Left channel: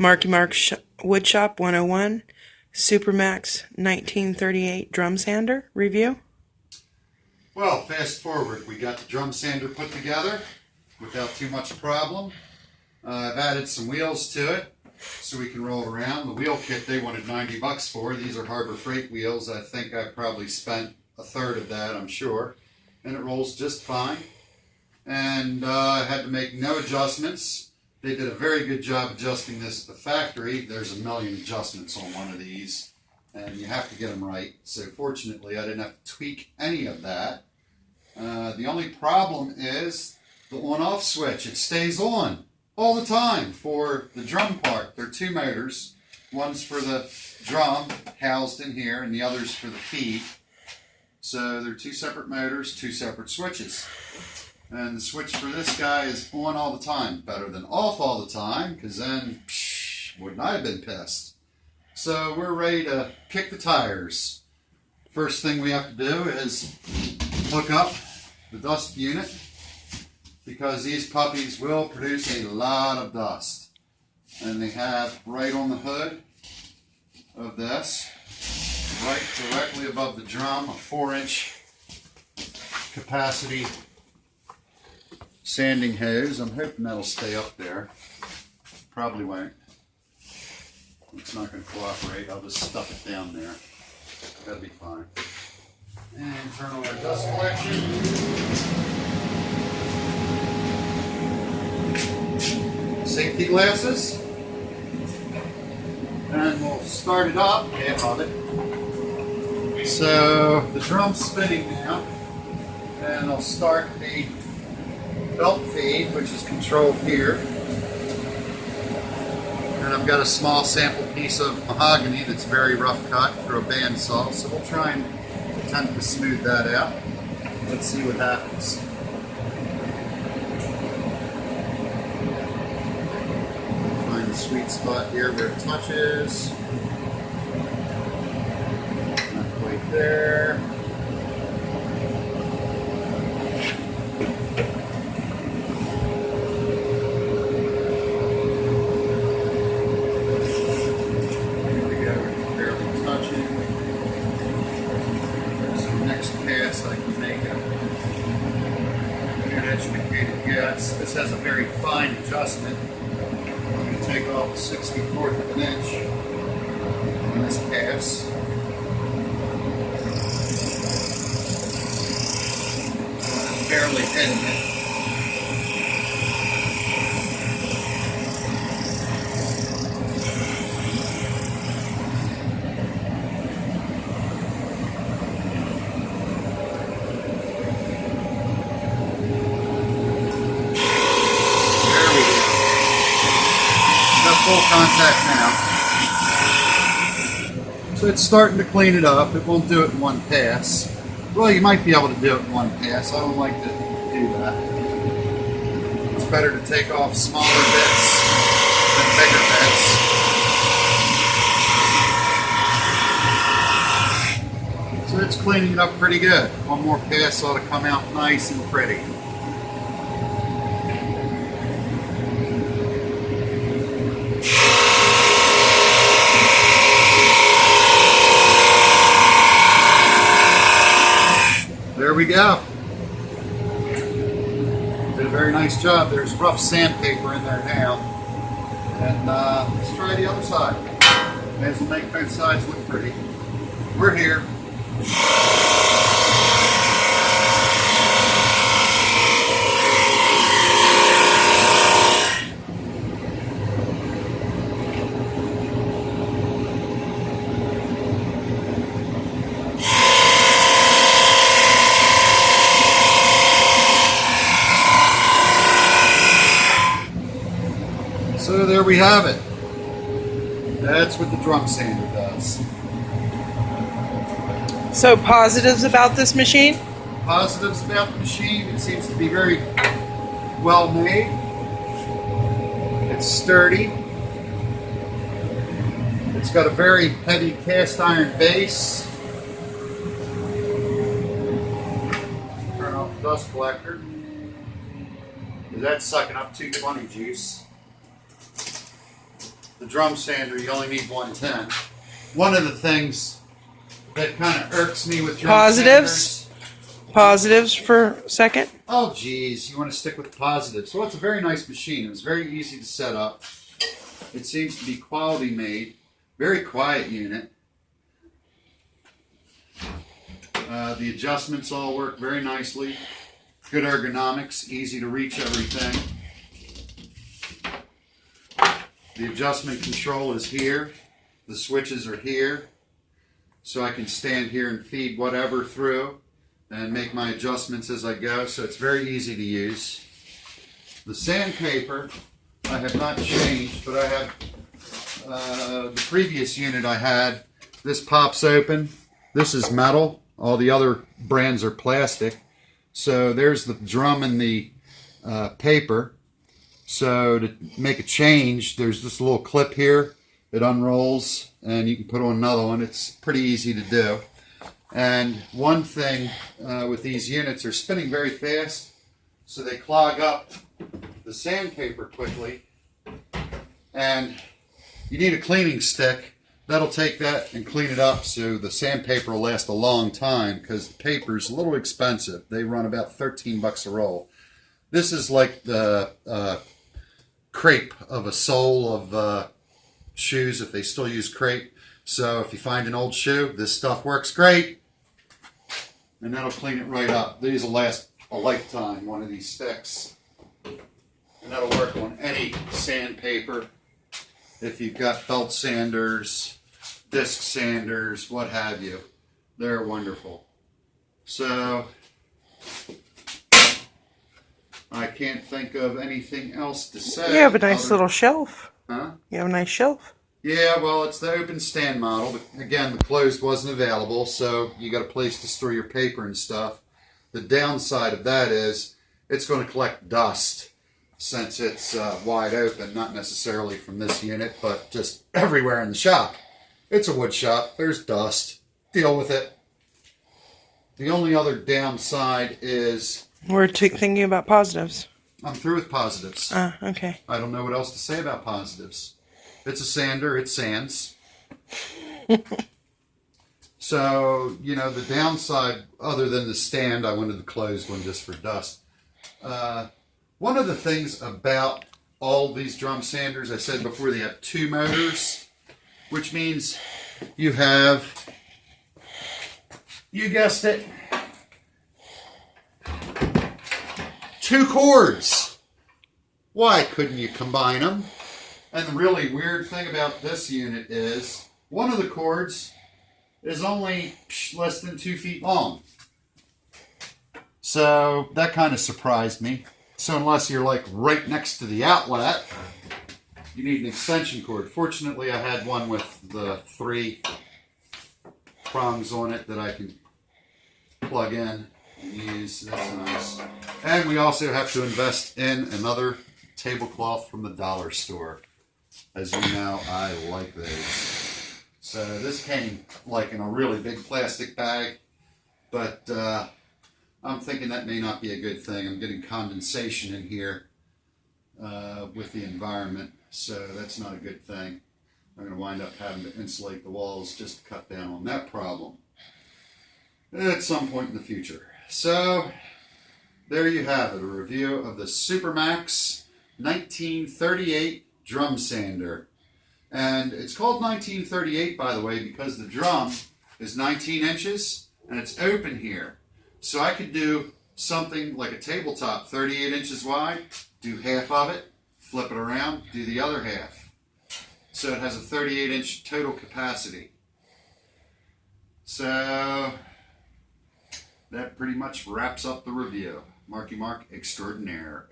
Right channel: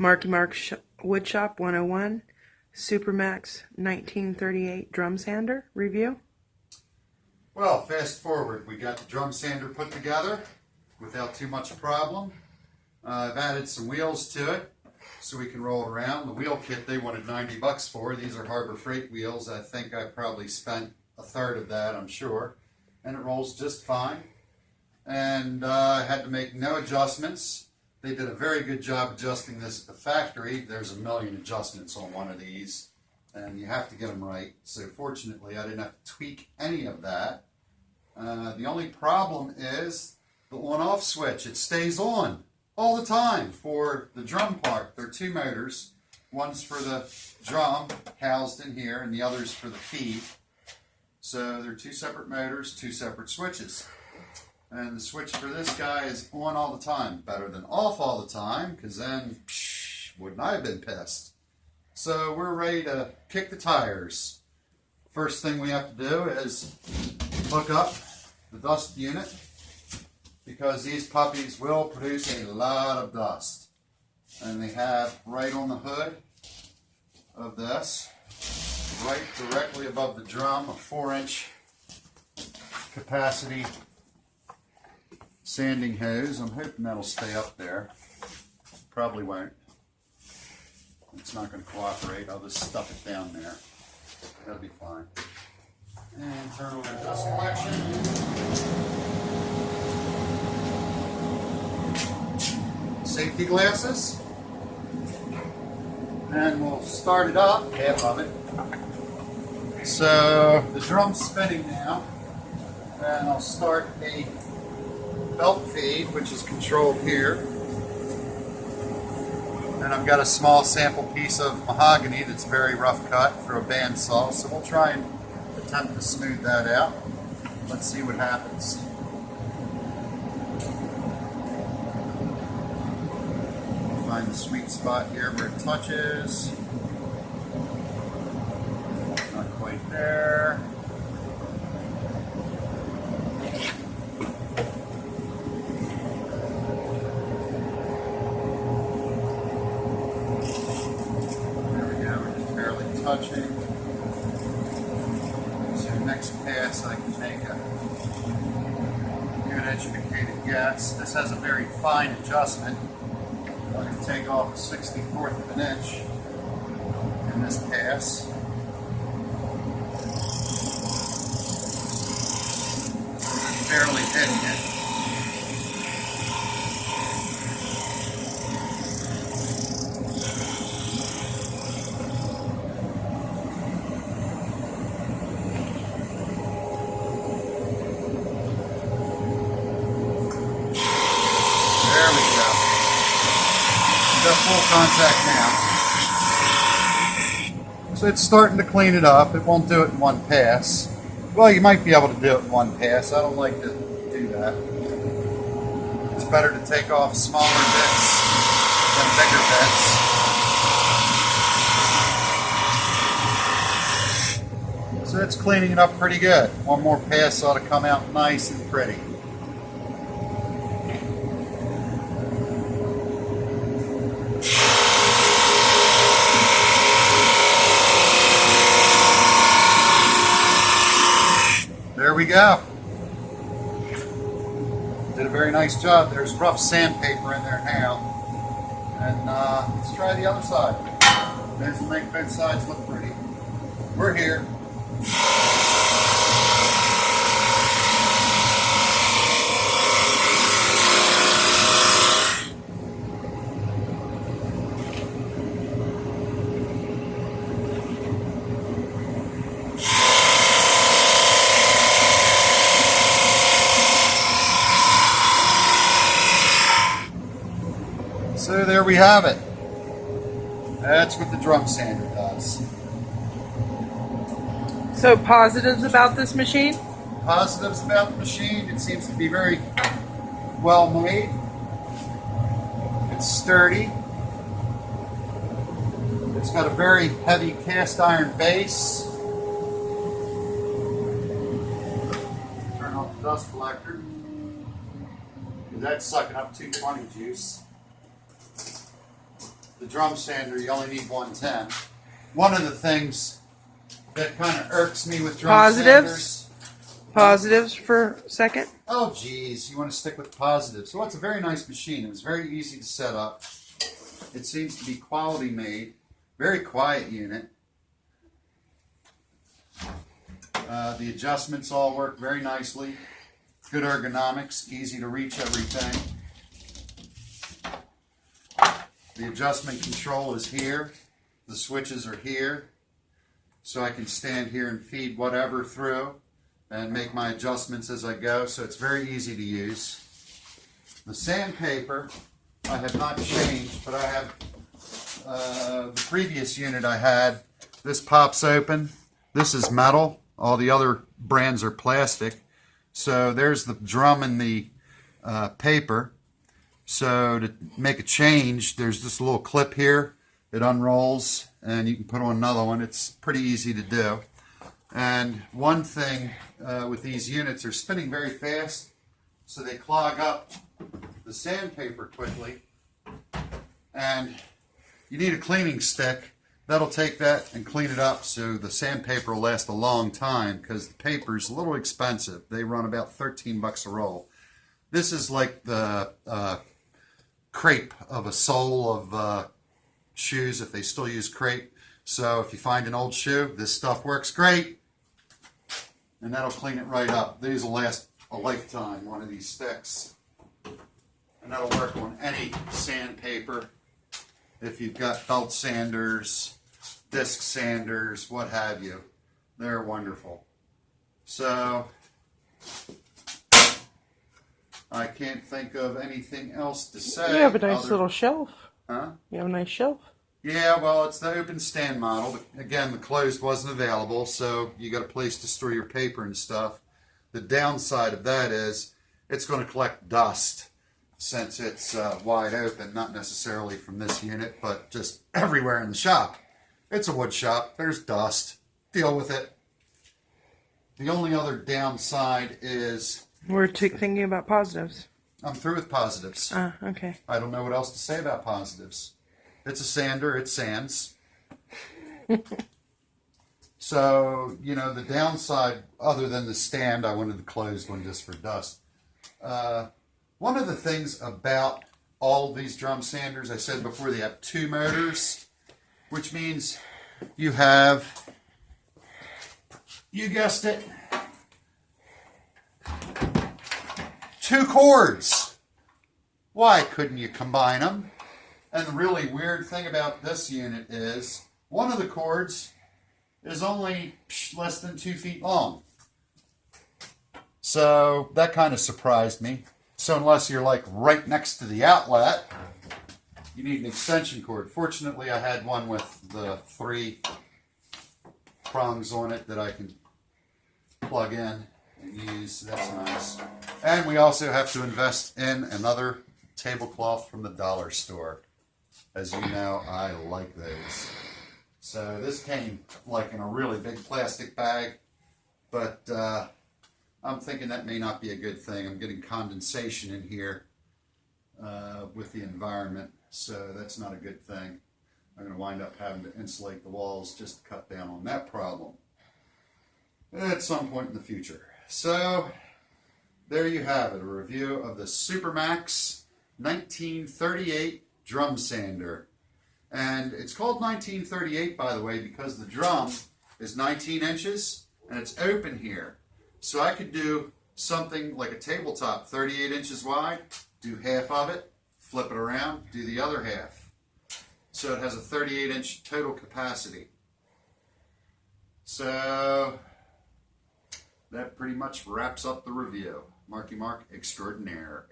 Marky Woodshop 101 Supermax 1938 drum sander review. Well, fast forward, we got the drum sander put together without too much problem. I've added some wheels to it so we can roll around. The wheel kit they wanted $90 for. These are Harbor Freight wheels. I think I probably spent a third of that, I'm sure. And it rolls just fine. And I had to make no adjustments. They did a very good job adjusting this at the factory. There's a million adjustments on one of these, and you have to get them right. So fortunately, I didn't have to tweak any of that. The only problem is the on-off switch. It stays on all the time for the drum part. There are two motors. One's for the drum, housed in here, and the other's for the feed. So there are two separate motors, two separate switches. And the switch for this guy is on all the time. Better than off all the time, because then, wouldn't I have been pissed? So we're ready to kick the tires. First thing we have to do is hook up the dust unit, because these puppies will produce a lot of dust. And they have right on the hood of this, right directly above the drum, a 4-inch capacity sanding hose. I'm hoping that'll stay up there. Probably won't. It's not going to cooperate. I'll just stuff it down there. That'll be fine. And turn on our dust collection. Safety glasses. And we'll start it up, half of it. So the drum's spinning now. And I'll start the belt feed, which is controlled here. And I've got a small sample piece of mahogany that's very rough cut for a bandsaw, so we'll try and attempt to smooth that out. Let's see what happens. Find the sweet spot here where it touches. Not quite there. Educated guess. This has a very fine adjustment. I'm going to take off a 64th of an inch in this pass. It's barely hitting it. Full contact now. So it's starting to clean it up. It won't do it in one pass. Well, you might be able to do it in one pass. I don't like to do that. It's better to take off smaller bits than bigger bits. So it's cleaning it up pretty good. One more pass ought to come out nice and pretty. There we go. Did a very nice job. There's rough sandpaper in there now. And let's try the other side. May as well make both sides look pretty. We're here. So there we have it. That's what the drum sander does. So positives about this machine? Positives about the machine, it seems to be very well made. It's sturdy. It's got a very heavy cast iron base. Turn off the dust collector. That's sucking up 220 juice. the drum sander, you only need 110. One of the things that kind of irks me with drum Positives? sanders. Positives for a second. Oh, geez, you want to stick with the positives. So it's a very nice machine. It was very easy to set up. It seems to be quality made. Very quiet unit. The adjustments all work very nicely. Good ergonomics, easy to reach everything. The adjustment control is here. The switches are here. So I can stand here and feed whatever through and make my adjustments as I go. So it's very easy to use. The sandpaper I have not changed, but I have the previous unit I had. This pops open. This is metal. All the other brands are plastic. So there's the drum and the paper. So to make a change, there's this little clip here. It unrolls and you can put on another one. It's pretty easy to do. And one thing with these units, they're spinning very fast, so they clog up the sandpaper quickly. And you need a cleaning stick. That'll take that and clean it up so the sandpaper will last a long time, because the paper's a little expensive. They run about 13 bucks a roll. This is like the crepe of a sole of shoes, if they still use crepe. So if you find an old shoe, this stuff works great. And that'll clean it right up. These will last a lifetime, one of these sticks. And that'll work on any sandpaper. If you've got belt sanders, disc sanders, what have you. They're wonderful. So I can't think of anything else to say. You have a nice little shelf. Huh? You have a nice shelf. Yeah, well, it's the open stand model. Again, the closed wasn't available, so you got a place to store your paper and stuff. The downside of that is it's going to collect dust since it's wide open, not necessarily from this unit, but just everywhere in the shop. It's a wood shop. There's dust. Deal with it. The only other downside is... We're thinking about positives. I'm through with positives. Okay. I don't know what else to say about positives. It's a sander, it sands. So, you know, the downside, other than the stand, I wanted the closed one just for dust. One of the things about all these drum sanders, I said before, they have 2 motors, which means you have, you guessed it, 2 cords. Why couldn't you combine them? And the really weird thing about this unit is one of the cords is only less than 2 feet long. So that kind of surprised me. So unless you're like right next to the outlet, you need an extension cord. Fortunately, I had one with the 3 prongs on it that I can plug in and use. That's nice. And we also have to invest in another tablecloth from the dollar store. As you know, I like those. So this came like in a really big plastic bag, but I'm thinking that may not be a good thing. I'm getting condensation in here with the environment, so that's not a good thing. I'm going to wind up having to insulate the walls just to cut down on that problem at some point in the future. So there you have it, a review of the Supermax 1938 drum sander. And it's called 1938, by the way, because the drum is 19 inches and it's open here. So I could do something like a tabletop 38 inches wide, do half of it, flip it around, do the other half. So it has a 38 inch total capacity. So that pretty much wraps up the review. Marky Mark Extraordinaire.